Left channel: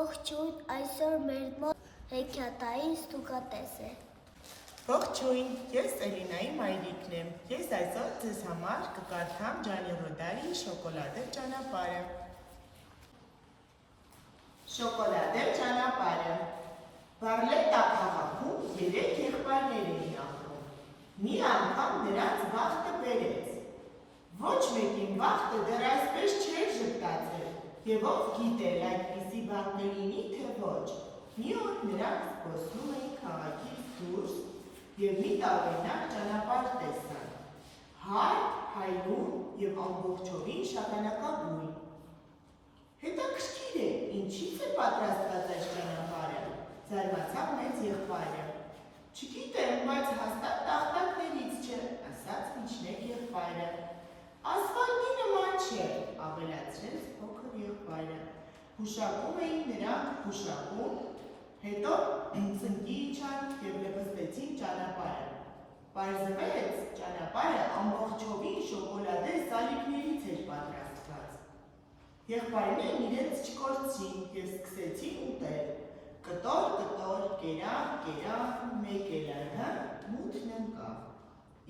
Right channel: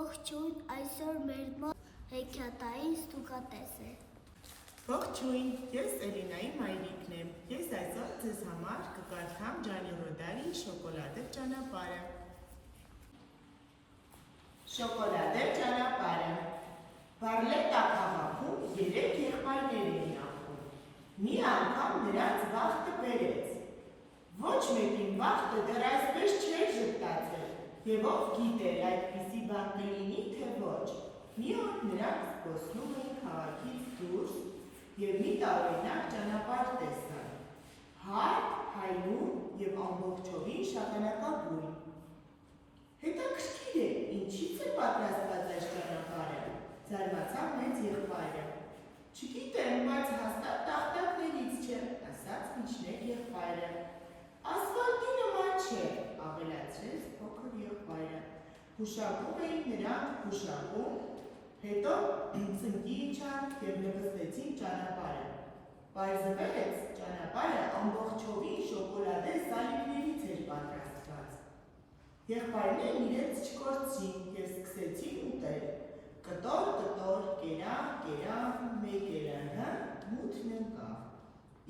Ողջույն, այսօր մեր մոտ հեքիաթային ստուգատես է։ Ողջույն, ես Էլինայի մայրիկն եմ։ Ես այսօր ձեզ համար կկարդամ Ջանի Ռոդարի շոկոլադե ճանապարհը։ Շոկոլադե ճանապարհը։ Բարլետա քաղաքում 3 եղբայրներ էին ապրում։ Մի անգամ նրանց վախտը բերեց։ Ոչ մեկին վախտը դեռ այսպես չէր ժպտացել, եւ ով գիտեր այդպիսի բան կլինի, թե ոչ։ Մի օր նրանք զբոսնում էին քաղաքից դուրս եւ մի տարօրինակ ճանապարհ տեսան։ Հարթ, հայլուն եւ ամբողջովին շագանակագույն։ Հետաքրքիր է, ինչից է պատրաստված այս ճանապարհը, զարմացավ մեծ եղբայրը։ Չգիտեմ, բայց հաստատ տախտակներից չէ, ասաց միջնեկ եղբայրը։ Ասֆալտի նման չէ, ավելացրեց փոքր եղբայրը։ Հուշակում էին նրանք հուշակում, հետո ծնկի իջան եւ լպստեցին ճանապարհը։ Պարզվեց, ճանապարհը ամբողջովին շոկոլադե սալիկներից էր պատրաստված։ Եղբայրներն իրենց չկորցրին եւ սկսեցին ուտել։ Կտոր, կտոր, կերան, կերան, մեկ էլ հա, մութն ընկավ։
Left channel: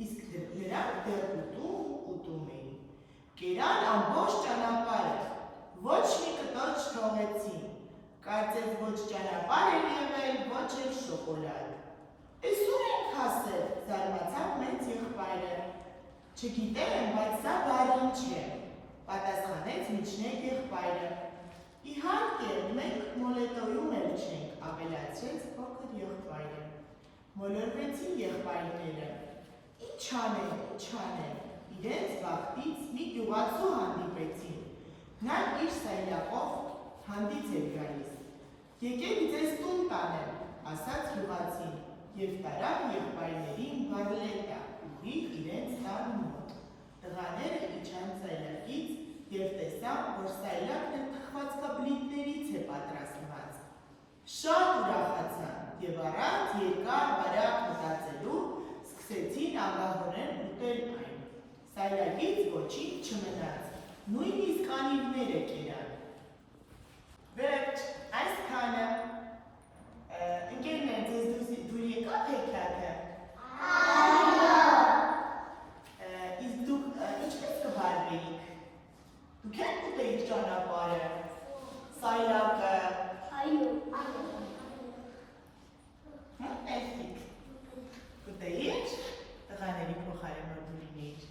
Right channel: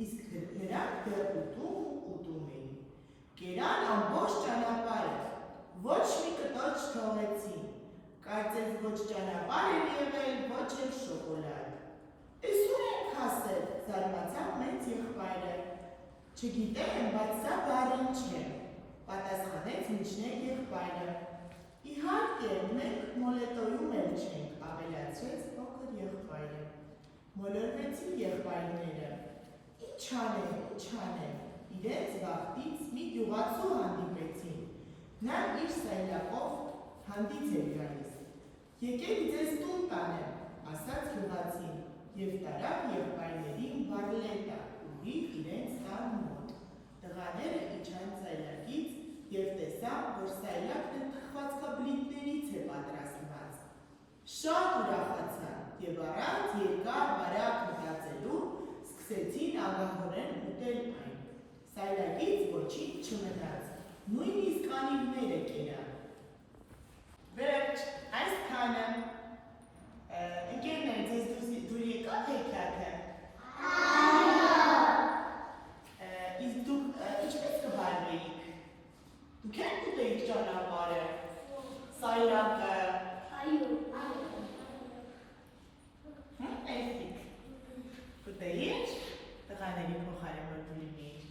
Իսկ նրանք դեռ ուտում էին։ Կերան ամբողջ ճանապարհը, ոչ մի կտոր չթողեցին։ Կարծես ոչ ճանապարհ էր եղել, ոչ էլ շոկոլադ։ Էս ուր ենք հասել, զարմացավ մեծ եղբայրը։ Չգիտեմ, բայց սա բարին չէ, պատասխանեց միջնեկ եղբայրը։ Իհարկե, մենք մոլետոյում էլ չենք, ավելացրեց փոքր եղբայրը։ Մոլորվեցին եղբայրները։ Ինչ անեն, իրենց վախտից մի գյուղացու հանդիպեցին։ Նա իր սայլակով հանդից էր գալիս։ Եկեք ձեզ տուն տանեմ, ասաց գյուղացին, եւ տարավ եղբայրներին բարլետա, ուղիղ իրենց տան մոտ։ Տղաները իջան սայլակից եւ տեսան, որ սայլակն թխվածքաբլիթներից է պատրաստված։ Շատ ուրախացան եւ առանց երկար-բարակ մտածելու սկսեցին ագահորեն ուտել այն։ Սայլակից ոչինչ չմնաց, նույնիսկ անիվները կերան։ Վերջ, այսքանը։ Ընկերներ, ձեզ դուր եկավ հեքիաթը։ Իսկ դուք ինչպես կվարվեիք։ Դուք եք ուտեիք ճանապարհը, սայլակը։ Էստիկ։ Կուտեիք, տղաների փոխարեն որ դու լինեիր։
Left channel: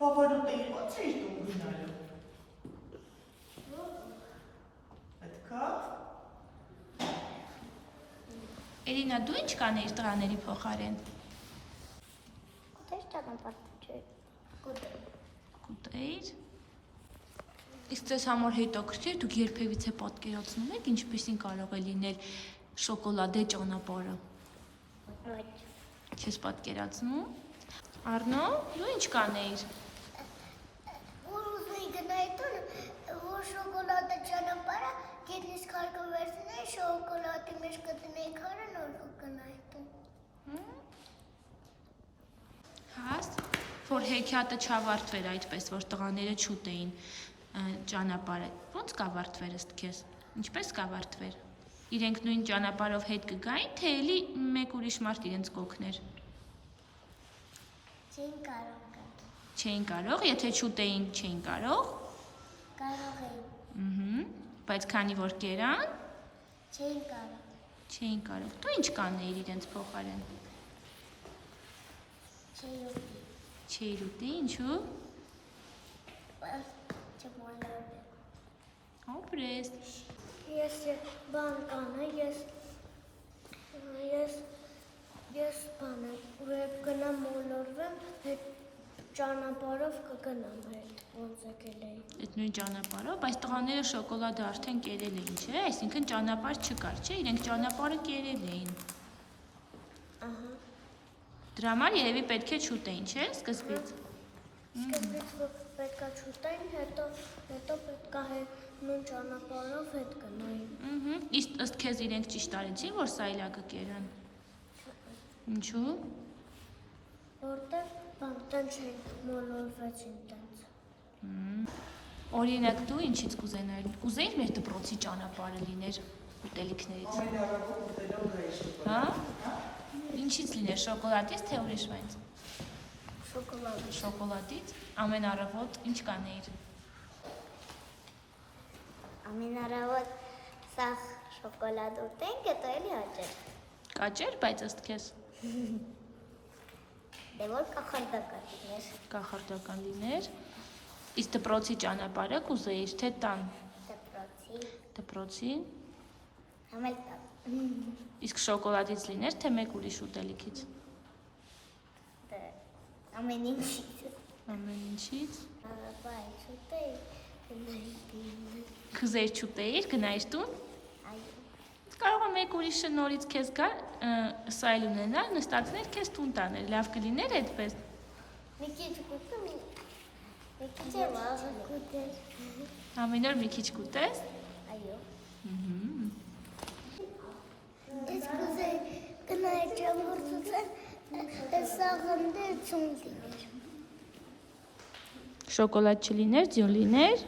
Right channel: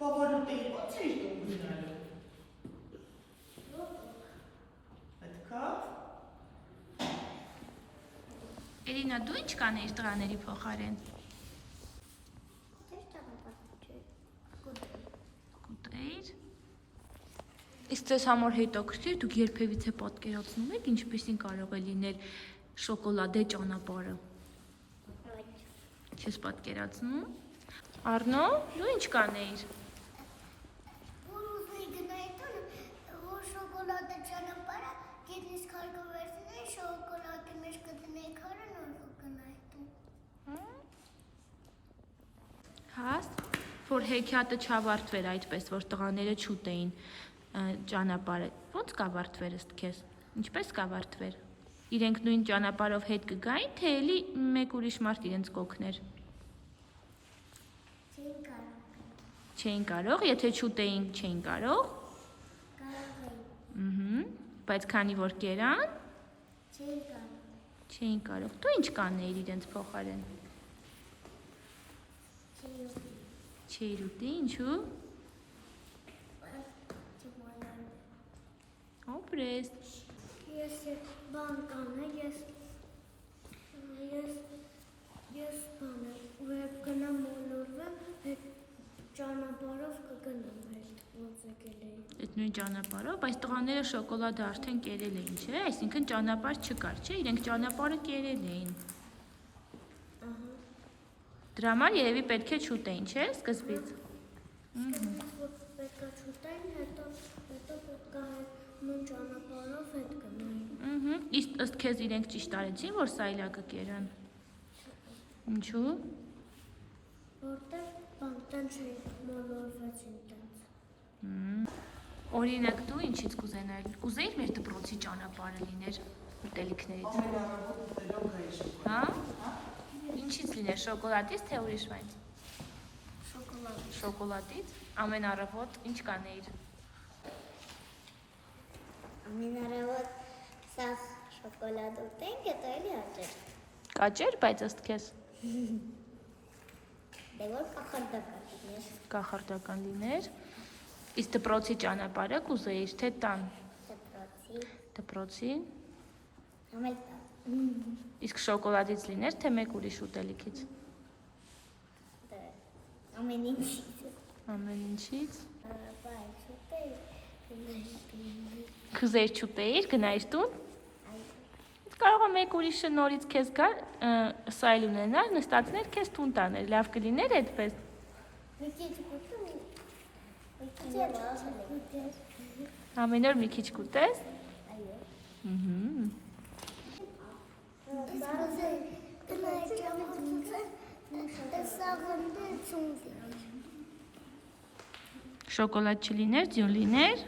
Բաբար ուտեիք, ոնց էիր տուն գնալու։ Պետքով։ Էլինա, դու ինչ կանեիր տղաների փոխարեն։ Կուտես ճանապարհ չէ։ Կուտեիր։ Իսկ ձեզ համար հետաքրքիր դուք երբևիցե պատկերացնում եք ինչպեսին կարող է լինել շոկոլադե ճանապարհը։ Չես պատկերացնում։ Արնո, դու ինչ կանեիր։ Որ ուզեի գնայի տուն, որ շոկոլադե ճանապարհը գետնից քարկը վերցնեի, շոկոլադի մեջ կդնեի քարը, նոր կգնայի տուն։ Հաստ, որ հեքիաթը չավարտվեր այդպես, որ տղաները չուտեին ճանապարհը։ Ոնց կավարտվեր ըստ քեզ։ Ինչպես կավարտվեր։ Իրենք նույն ճանապարհով հետ կգային, թե էլի մեկ ուրիշ մարդ իրենց կօգներ։ Չէին կարող գալ։ Չէին կարող, եթե չուտեին, չէին կարող։ Կարող էին։ Բայց քանի որ կերան, Չէին կարող։ չէին կարող։ Դու ինչ կանեիր իրենց փոխարեն։ Չէի ուտի։ Չէիր ուտի, ինչու։ Չմոլորվի։ Ապրես։ Ես բան կանեմ, ես բանը, երբ գնամ մոլորվեմ, հետ ճանապարհով կգնամ հետ, ոնց եկել էի։ Այդ նույն ճանապարհով, բայց տղաները շոկոլադը արդեն կերել էին, չէ՞, այսինքն ճանապարհ չկար, չէ՞, իրենք ճանապարհը կերել էին։ Ահա։ Դրա համար երևի պետք է չուտեին, չէ՞, սկզբից։ Սկզբից որ պետքա չուտեին, հետո պետքա հետ նույն ճանապարհով հետ գնային։ Իսկ ըստ քեզ իրենք ճիշտ արեցին, որ սայլակը կերան։ Ինչու։ Որտեղ բան տենց չէին մոլորվեցին տենց։ Օրինակ դու ինչից կուզենայիր։ Կուզեիր մեր դպրոցի ճանապարհը լիներ ուտելիքներից։ Հա։ Ինչից լիներ, շոկոլադից թե ուրիշ բանից։ Շոկոլադի։ Շոկոլադից։ Ամեն առավոտ ինչ կանեիր։ Ամեն առավոտ սաղ շոկոլադ ուտենք, հետո էլի հաճեր։ Կաճեր, բայց ըստ քեզ Դե որ կախարդական լիներ։ կախարդական լիներ։ Իսկ դպրոցի ճանապարհը կուզեիր թե տան։ Դպրոցի։ Դպրոցի։ Համել տան։ Իսկ շոկոլադից լիներ թե մեկ ուրիշ ուտելիքից։ Դե ամեն ինչից։ Ամեն ինչից։ Բայց ուտեի։ Կուզեիր չուտեիր, գնայիր տուն։ Այո։ Կարող է մեկ ուրիշը նորից քեզ գա սայլ ունենալ, նստածներ քեզ տուն տաներ։ Լավ կլիներ այդպես։ Մի քիչ կուտեմ։ Մի քիչ աղը կուտես։ Ամեն օր մի քիչ կուտես։ Այո։ Ահա։ Ես կուզեի գնայի ճամփորդության, սաղնդը ծուն լիներ։ Շոկոլադ չլիներ, ձյուն լիներ։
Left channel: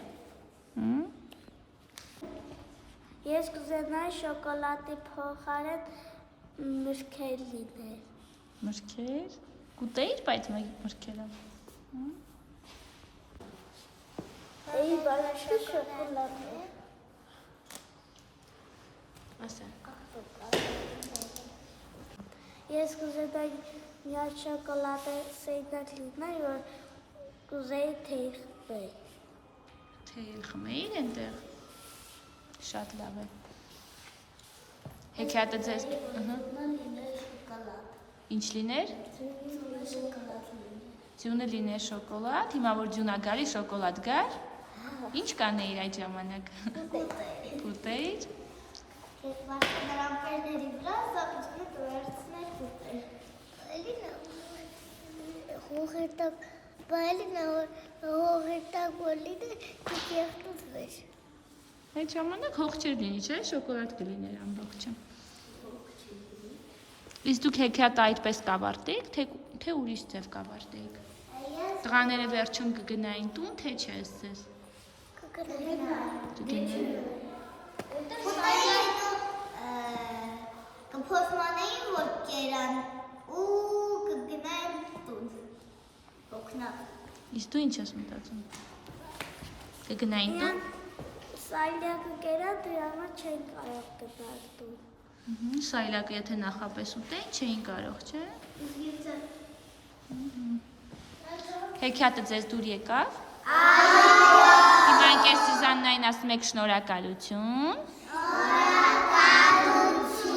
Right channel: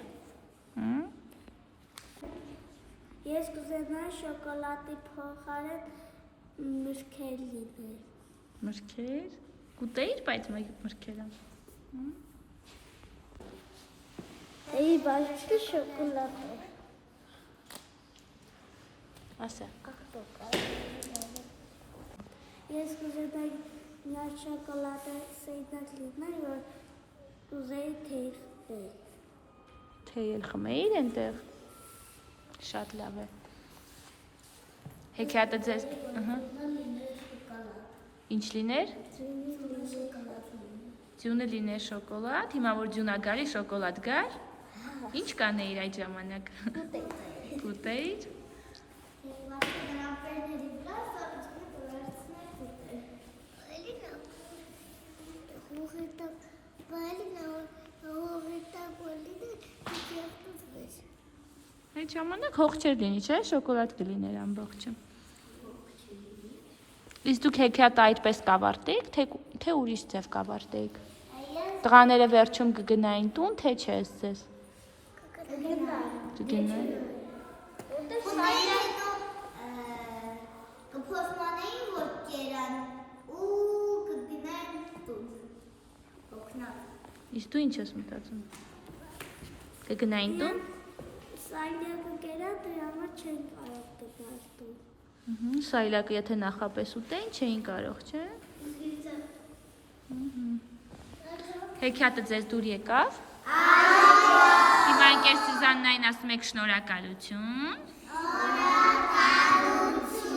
Ես կուզենայի շոկոլադի փոխարեն մրգեր լիներ։ Մրգեր։ Կուտեիր, բայց մրգերը։ Էի, բայց չէ շոկոլադ։ Ասա։ Ես կուզենայի միած շոկոլադը սեյդակ լիներ, որ կուզեի թեյ խմել։ Թեյ խմեիր այնտեղ։ Շատ լավ է։ Հեքիաթը ձեզ, ըհը։ Ինչ լիներ։ Ձյունը լիներ շոկոլադ, հիմա որ ձյունա գարի շոկոլադ գար։ Ինչ կանեիր այդ ժամանակ։ Կուտեիր։ Ես վարկը դրամպերների վրա սապիչնը տվերցներ կուտեր։ Հողետակ, բալինա հողետակ բոլինը կեղտուց վեր։ Այդ ժամանակ հող չեր լինի, չէ՞, շոկոլադ կլիներ ամբողջը։ Իսկ դուք հեքիաթը այդպես կավարտեիք, թե ուրիշ ձև կավարտեիք։ Տղաները վերջում կգնային տուն, թե չէ ձեզ։ Կգնային։ Կփոսմանեին, որ կերան ու կգնային տուն։ Օգնա։ Իսկ դու ինչ ես մտածում։ Կգնային տուն։ Սայլյակը կերա, դրա համար չեն կարող գնալ տուն։ Սայլակը եթե նախապես ուտեին, չէին կարող, չէ։ Հեքիաթը ձեզ դուր եկավ։ Այո։ Հիմա ընկեր Սյուզաննային ասում եք շնորհակալություն։ Շնորհակալություն։